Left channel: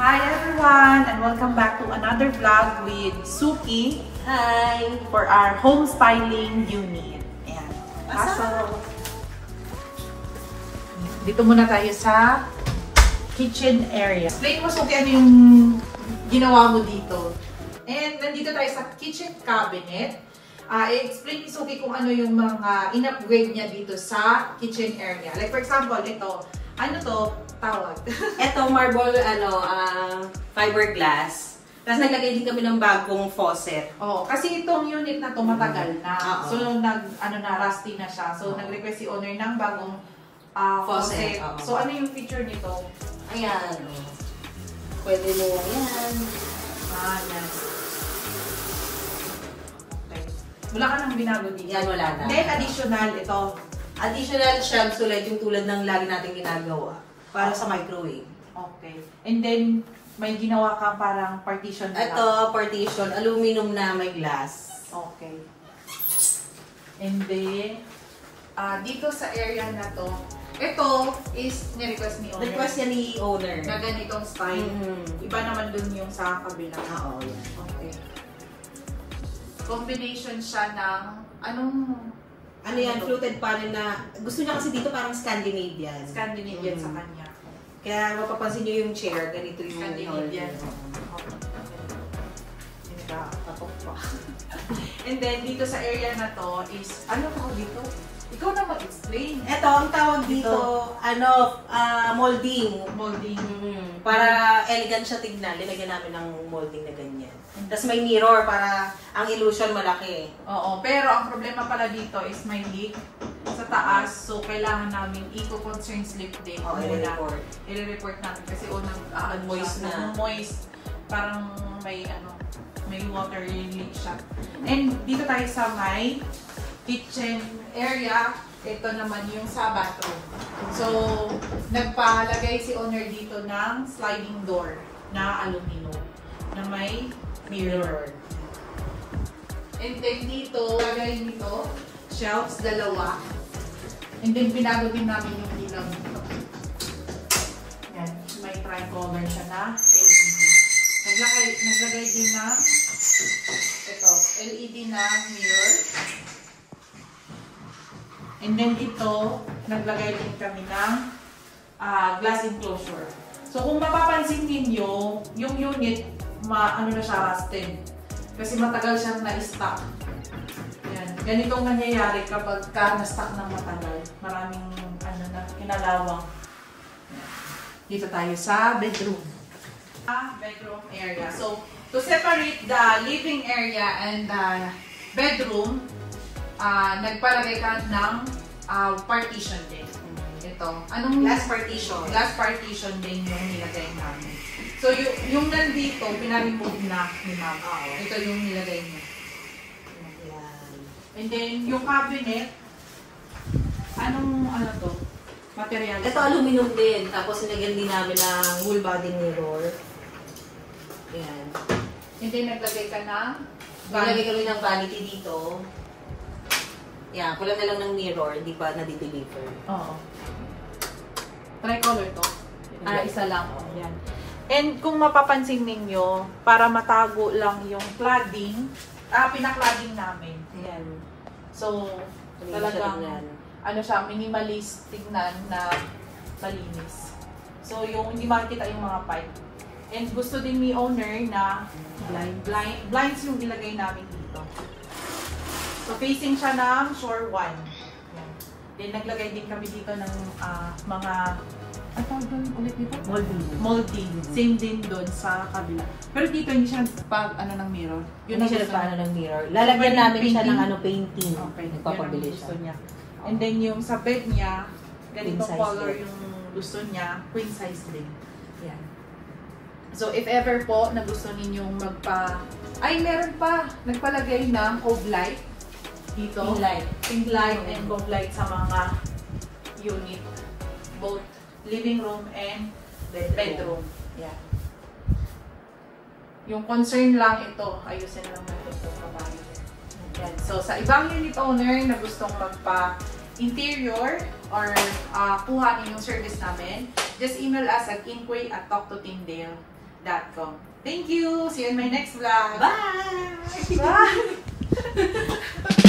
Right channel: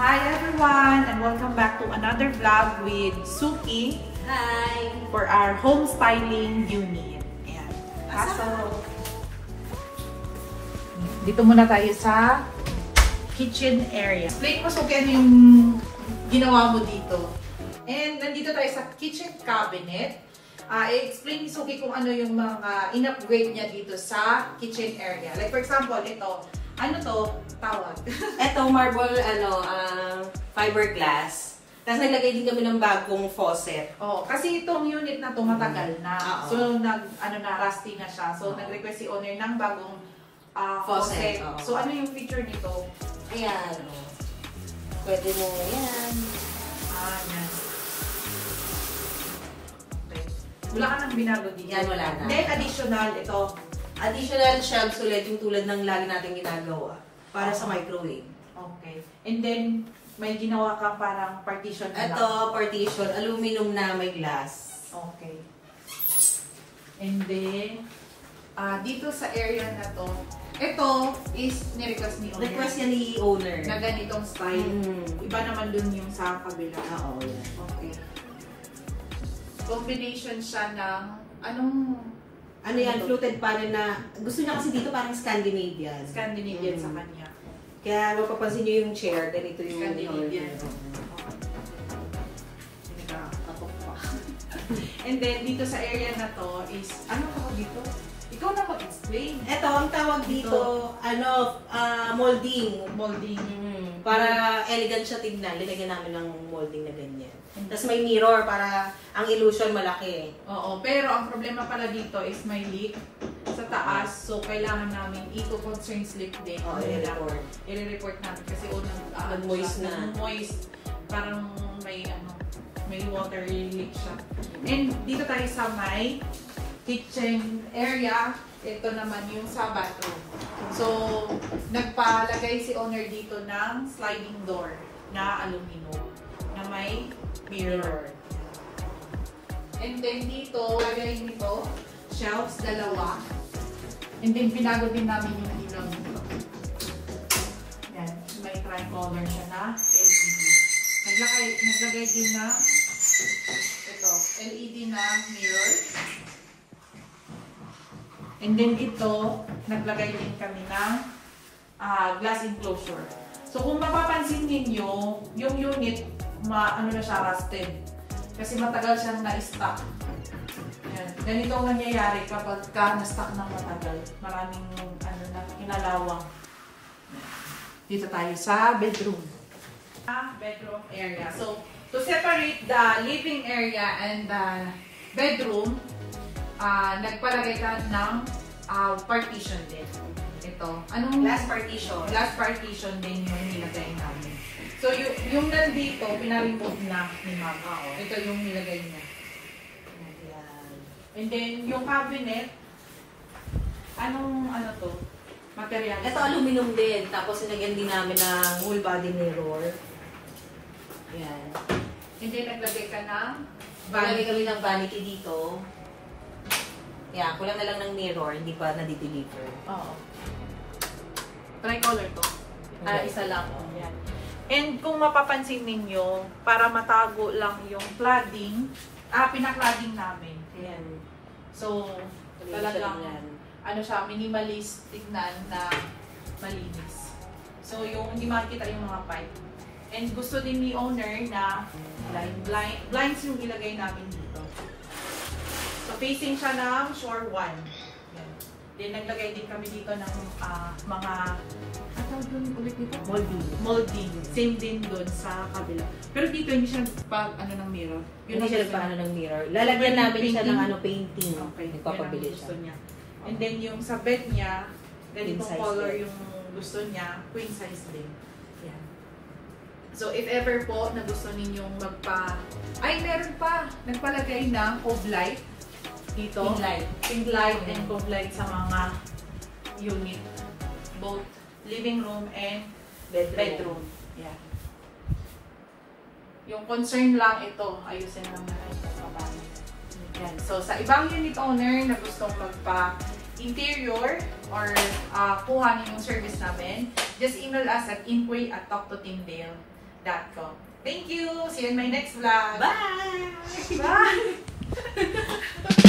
Hi everyone and welcome back to another vlog with Suki. Hi! For our home styling unit. Ayan. So, dito muna tayo sa kitchen area. Explain mo Suki ano yung ginawa mo dito. And nandito tayo sa kitchen cabinet. I-explain ni Suki kung ano yung mga in-upgrade niya dito sa kitchen area. Like for example, ito. Ano to? Tawag. Ito, marble, fiberglass. Tapos naglagay din kami ng bagong faucet. Oh, kasi itong unit na to matagal na. So, rusty na siya. So, nag-request si owner ng bagong faucet. So, ano yung feature nito? Ayan. Pwede mo yan. Yan. Okay. Wala ka nang binago dito. Yan, wala na. Then, additional, ito. Additional shelves ulit yung tulad ng lagi natin ginagawa. Para sa microwave. Okay. And then, may ginawa kang parang partition na ito, partition. Aluminum na may glass. Okay. And then, dito sa area na to, ito is ni-request ni owner. Request niya ni owner. Na ganitong style. Iba naman dun yung sa kabila. Oo, yan. Okay. Combination siya ng, ano yan, fluted panel na, gusto niya kasi dito parang Scandinavian. Scandinavian sa kanya. Kaya mapapansin niyo yung chair, ganito yung Scandinavian. And then, dito sa area na to is, ano tawag dito? Ikaw na mag-explain. Ito, ang tawag dito, molding. Molding. Para elegant siya tignan, linagyan namin ng molding na ganyan. Tapos may mirror para ang illusion malaki. Oo, pero ang problema pala dito is may leak sa taas. So, kailangan namin i-concern slip din. I-report namin kasi moist na. Moist. Parang may water leak siya. And dito tayo sa may kitchen area. Ito naman yung sa bathroom. So, nagpalagay si owner dito ng sliding door na aluminum na may mirror. And then dito, lagay nito, shelves, dalawa. And then pinago din namin yung ilaw nito. Yan, may tricolor siya na LED. Naglagay din ng ito, LED na mirror. And then ito, naglagay din kami ng glass enclosure. So kung mapapansin ninyo, yung unit, na siya, rusted. Kasi matagal siyang na-stock. Yan. Ganitong nangyayari kapag na-stock ng matagal. Maraming kinalawang. Dito tayo sa bedroom. Bedroom area. So, to separate the living area and the bedroom, nagpalagay ka ng partition din. Ito. Glass partition. Glass partition din yung nilagay namin. So, yung nandito, pinaremove na ni ma'am. Ito yung nilagay niya. And then, yung cabinet, ano to? Material. Ito, aluminum din. Tapos, sinagyan din namin ng whole body mirror. Yan. And then, naglagay ka ng Naglagay kami ng vanity dito. Yan, kulang na lang ng mirror. Hindi pa na-deliver. Oo. Tricolor to. Isa lang. Yan. And kung mapapansin ninyo, para matago lang yung cladding, pinaklading namin. Ayan. So, talagang, siya, minimalist tingnan na malinis. So, hindi makikita yung mga pipe. And gusto din ni owner na blinds yung ilagay namin dito. So, facing siya ng shore 1. Ayan. Then, naglagay din kami dito ng mga molding. Same din doon sa kabila. Pero dito hindi siya ng mirror. Hindi siya ng mirror. Lalagyan namin siya ng painting. Okay. Nagpapabilis gusto niya. And then yung sa bed niya, ganitong color yung gusto niya, queen size din. Yan. So if ever po na gusto ninyong meron pa! Nagpalagay ng cove light dito. Pink light and cove light sa mga unit. Both living room and bedroom. Yan. Yung concern lang ito, ayusin lang natin ito kabayan. So, sa ibang unit owner na gustong magpa-interior or kuhanin yung service namin, just email us at inquiry@talktotindale. www.legalsolutions.com. Thank you! See you in my next vlog! Bye! Bye!